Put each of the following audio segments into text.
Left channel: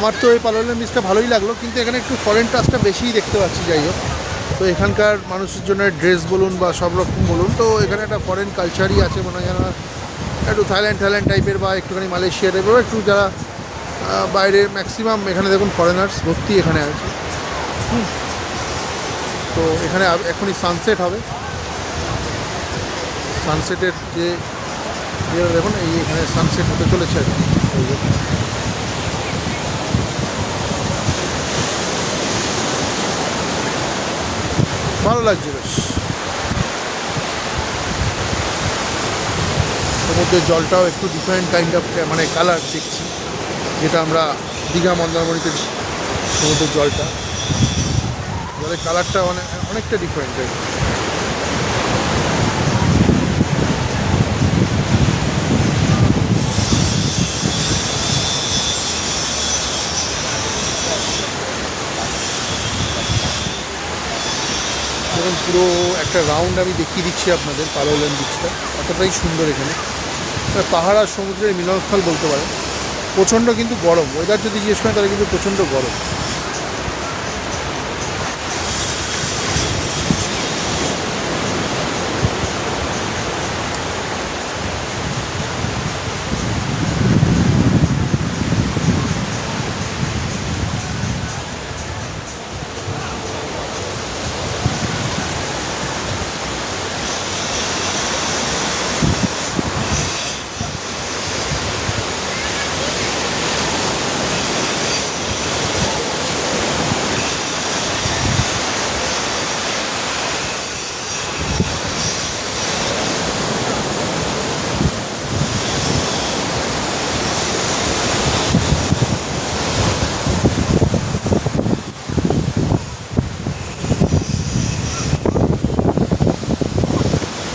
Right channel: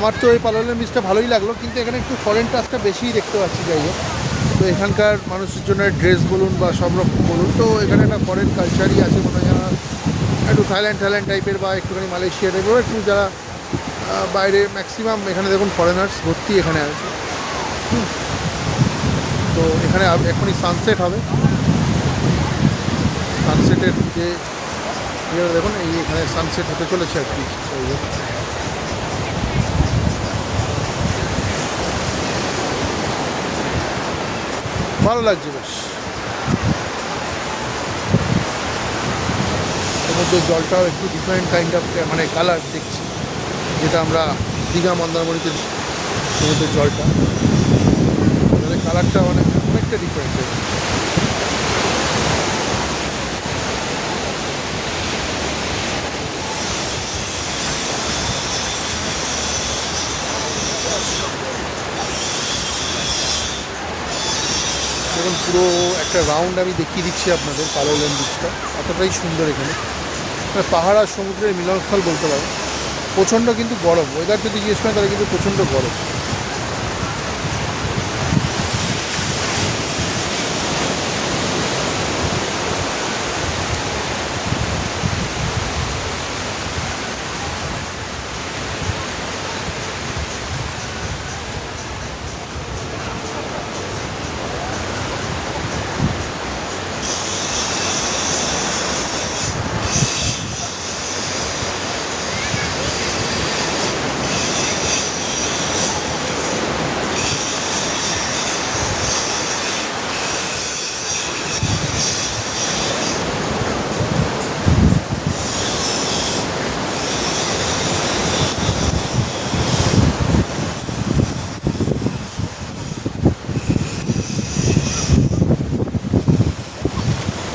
আমার তো এই পালোলেম বিচটা ভালোই লাগলো, কিন্তু এখানে একটু ফরেন টাচটা বেশিই দেখতে পাচ্ছি। যাই হোক, তো এখানকার মানুষের জন্য ড্রেস বলুন বা সব রকম বলুন, তো এখানে একটা ফরেন কালচারই আছে মনে হয়, যারা একটু থাইল্যান্ড টাইপের বা একটুখানি মালয়েশিয়া টাইপের, একটু যারা বাইরের ম্যাক্সিমাম এখানে দেখুন ফরেনার্স ভর্তি এখানে আছে। তো এখানে এখনই সানসেট হবে, সানসেটের যে দেখুন এখানে সানসেট হতে চলেছে। ভালো লাগছে বেশ। সমুদ্রের জলটাও একটু ডিফারেন্ট কাইন্ড অফ মানে কালার দেখছি, যেটা আমরা দীঘা মন্দারমণিতে সমুদ্রের জলটা, জলের কালারটা অনেকটা ডিফারেন্ট। এবং পুরো একটা রাউন্ড আমি দেখিয়ে দিচ্ছি আপনাদের পালোলেম বিচটা, এতটাই সুন্দর। এখানে পাহাড় আর সমুদ্রের মিলনস্থল বলতে পারে। প্রচণ্ড কিন্তু গরম, ওয়েদার যদি জিজ্ঞেস করেন তাহলে কিন্তু প্রচণ্ড গরম।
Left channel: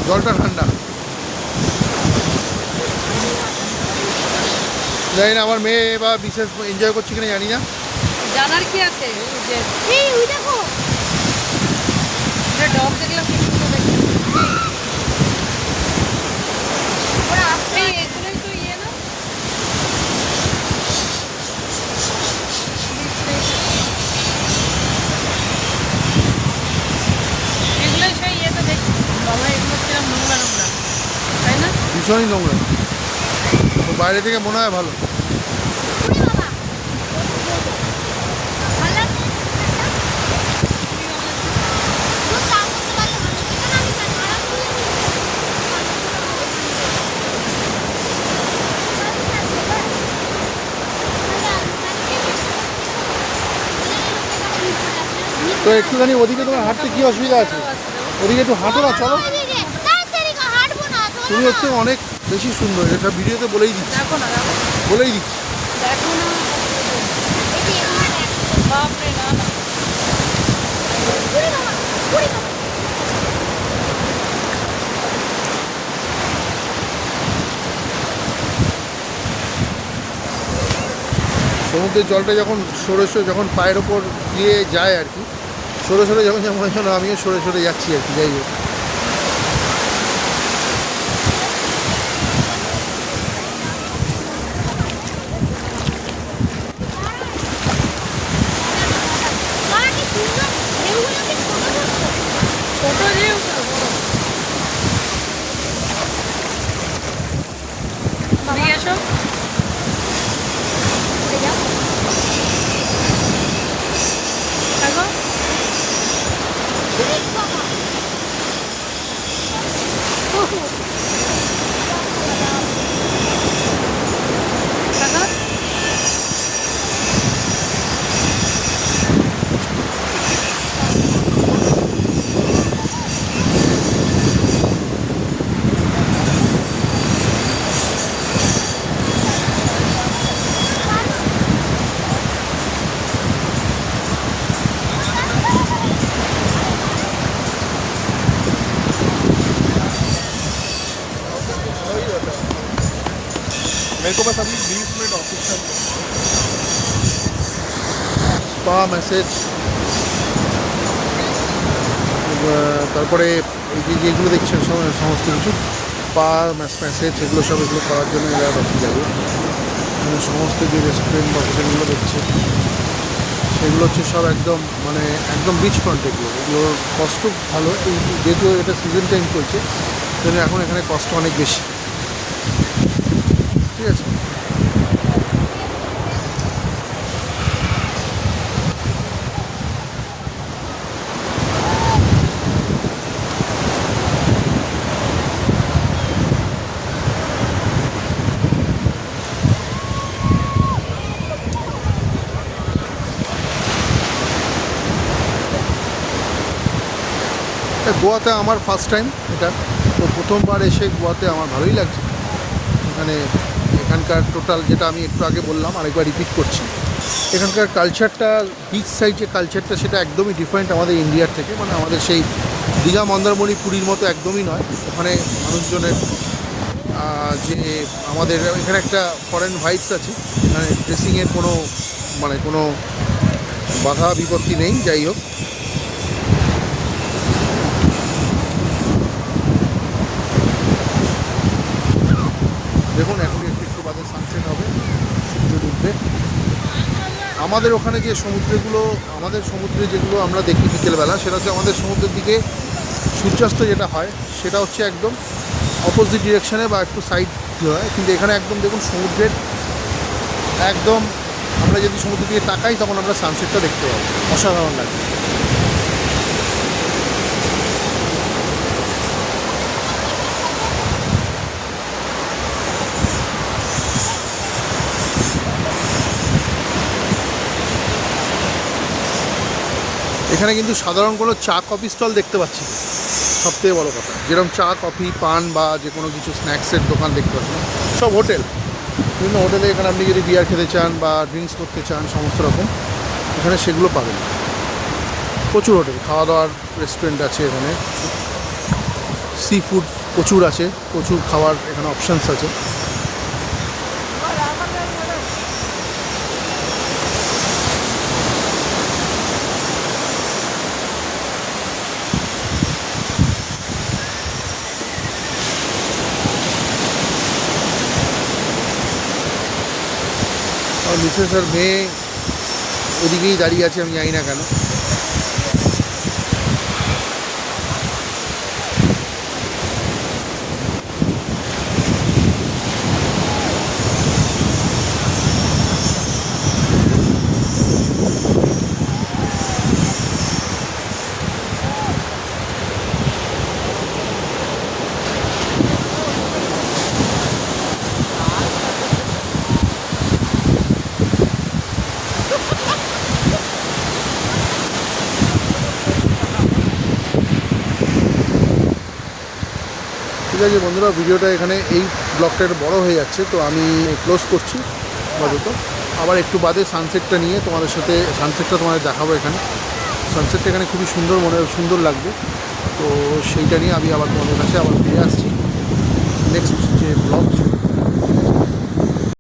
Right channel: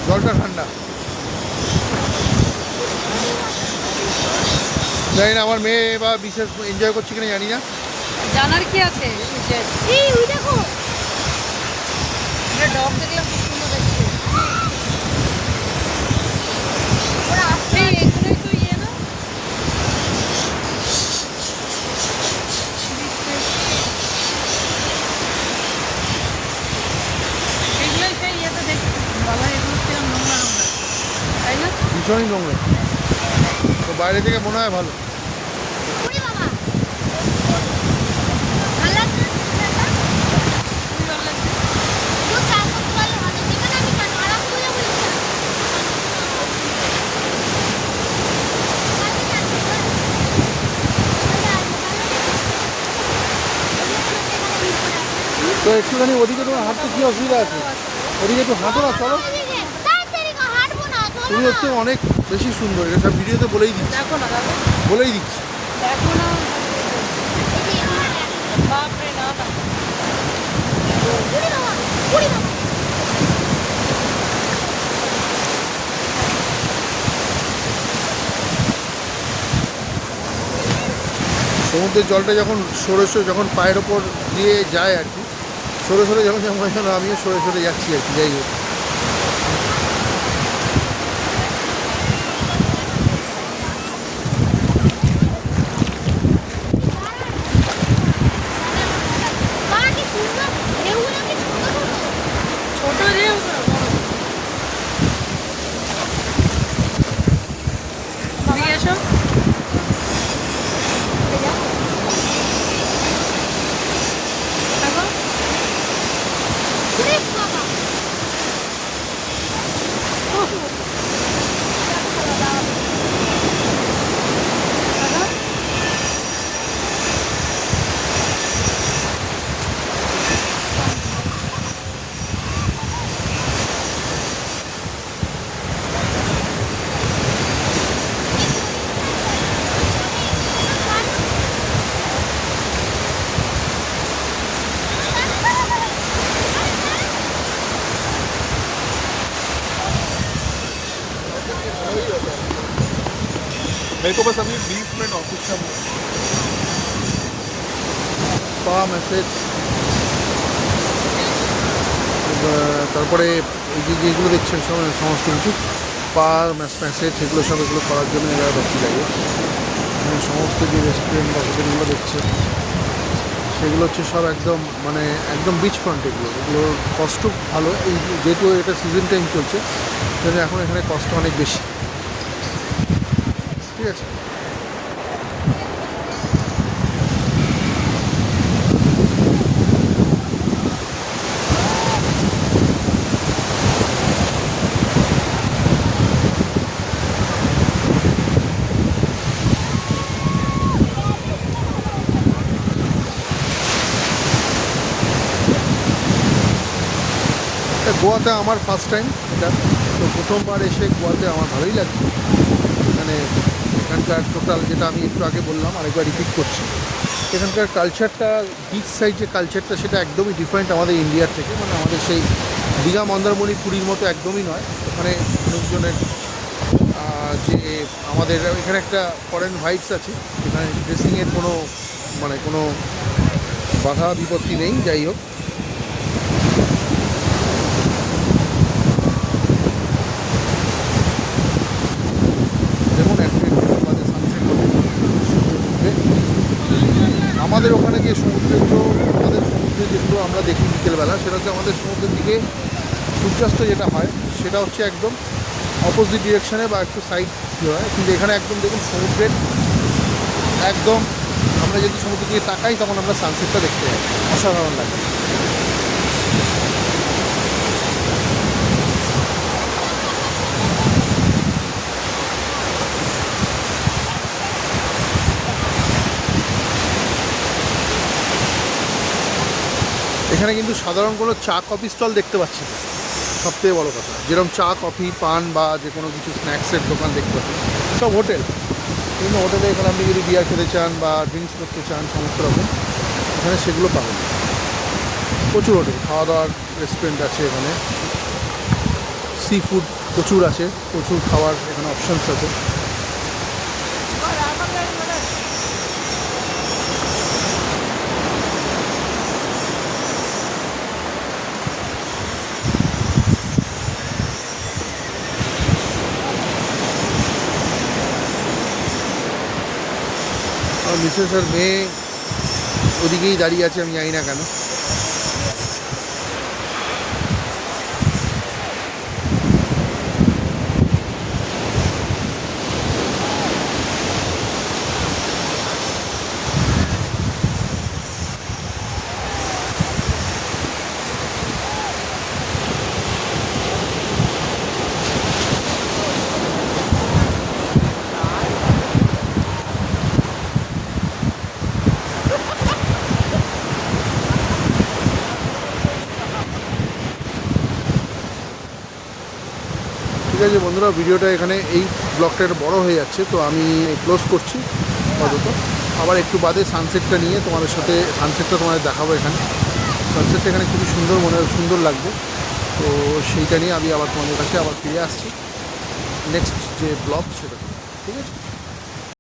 জলটা ঠান্ডা, জানি না আমার মেয়ে বা বিশেষ এনজয় করছে কিনা জানি না। জানার কি আছে? এই ওই দেখো, এটা ডগ দেখলাম। ওরা আসছে এগুলোই তো ইয়ে না, এগুলোই সেই ইয়েতে দেখছি। বাবা এগুলো কিরম নোংরা নোংরা, তাই না? ভীষণই নোংরা, তো বাইরে থেকে মনে হয় ভালো। তো একটুখানি ওদিকে তোমার হাঁটতে কি অসুবিধা আছে? ওদিকে একটু হাঁটো না, চলো। তুমি হচ্ছে অনেক বেশি সুন্দর, এটা ভিডিওতে বলেই দিচ্ছি। বাপরে না না, সমুদ্রের জলটা যখন যখন পায়ের ওপর দিয়ে যায় আর কি, সরে যখন যেমন আমিও সরে যাচ্ছি আর কি। যাই হোক, मेरे को बस अभी 20 मिनट ऑफिस में মেসেজ, তারপরে এই যেগুলো দেখছেন সমস্ত কিছু মেসেজ, এগুলো সব এগুলো করার জন্য এরা ভর্তি যাবে। মানে সমস্ত যে রেস্টুরেন্ট বা হোটেলগুলো দেখছি সেগুলো হচ্ছে সব একদম মানে একদম বিচ ফ্রন্টে এগুলো, এগুলোর কষ্ট ভালো। এই যেহেতু এটা সিজন টাইম চলছে তাহলে এখন এখানে কষ্ট অনেক বেশি, ঠিক আছে। গোয়াতে আমার ফার্স্ট টাইম এটা, তো প্রথমবার এসে গোয়াতে আমার ভালোই লাগছে। মানে এখানকার টোটাল যেটা আমি একটু আগে বললাম আরেকবার রিপিট করছি, এখানকার কালচারটা, বিচ সাইড যে কালচারটা সেটা একদমই ডিফারেন্ট আমাদের ইন্ডিয়ার থেকে। মানে আমাদের সেই দীঘা মন্দারমণি পুরীর মতো একদমই নয়। ওখানে মানুষজনের যে আমাদের এখানে একটা ফরেন ভাইবস আছে, মানে ড্রেসিংয়ের কোনো বাধা বিপত্তি নেই। যাই হোক, আমাদের ওখানে যে সমুদ্রগুলো, আমাদের সমুদ্রে যেগুলো আমরা দেখি বিকেলবেলা, সেটা হচ্ছে আমাদের সমুদ্রের দিকে সূর্যাস্ত যেটা হয় সেটা হচ্ছে একদম অপোজিট ডিরেকশনে বা একটু সাইড দিয়ে হয়। কিন্তু এখানে একদম দেখুন সমুদ্রের একদম, আমরা যদি সমুদ্রের দিকে তাকাই তখন আমরা সানসেটটা দেখতে পাই, অসাধারণ লাগে। এখানে কিন্তু সাধারণ কোনো চা কফি স্টল দেখতে পাচ্ছি না, সবথেকে বড় কথা। যেরকম চা কফি পান বা যে কোনো কিছু স্ন্যাক্সের দোকান দেখতে পাচ্ছি না, সব হোটেল। বিভিন্ন হোটেলে এখানে আপনি যদি বিয়ার খেতে চান বা ড্রিঙ্কস করতে চান সমস্ত রকম এখানে সেগুলো পাবেন। প্রচুর হোটেল, খাওয়া দাওয়ার রেস্টুরেন্ট আছে এখানে, সি ফুড প্রচুর আছে, প্রচুর খাওয়ার এখানে অপশানস আছে। আর মিসেস আর মেয়ে ওদিকেই দাঁড়িয়ে আছে, আমি জানি না কেন। ঠিক আছে বন্ধুরা, ভিডিওটা এখানে এই ব্লগটা একটু বড়ো হয়ে যাচ্ছে, তো আমি ক্লোজ করছি আপাতত। আবার একটু বাদে সানসেটটা নিয়ে তোমাদের সাথে, সানসেটটা তোমাদের দেখাবো। এখানে সানসেটটা এখানে খুবই সুন্দর, মনে সুন্দর লাগবে। তো সেইটা নিয়ে আমি আবার তোমাদের কাছে আবার ফিরে আসছি।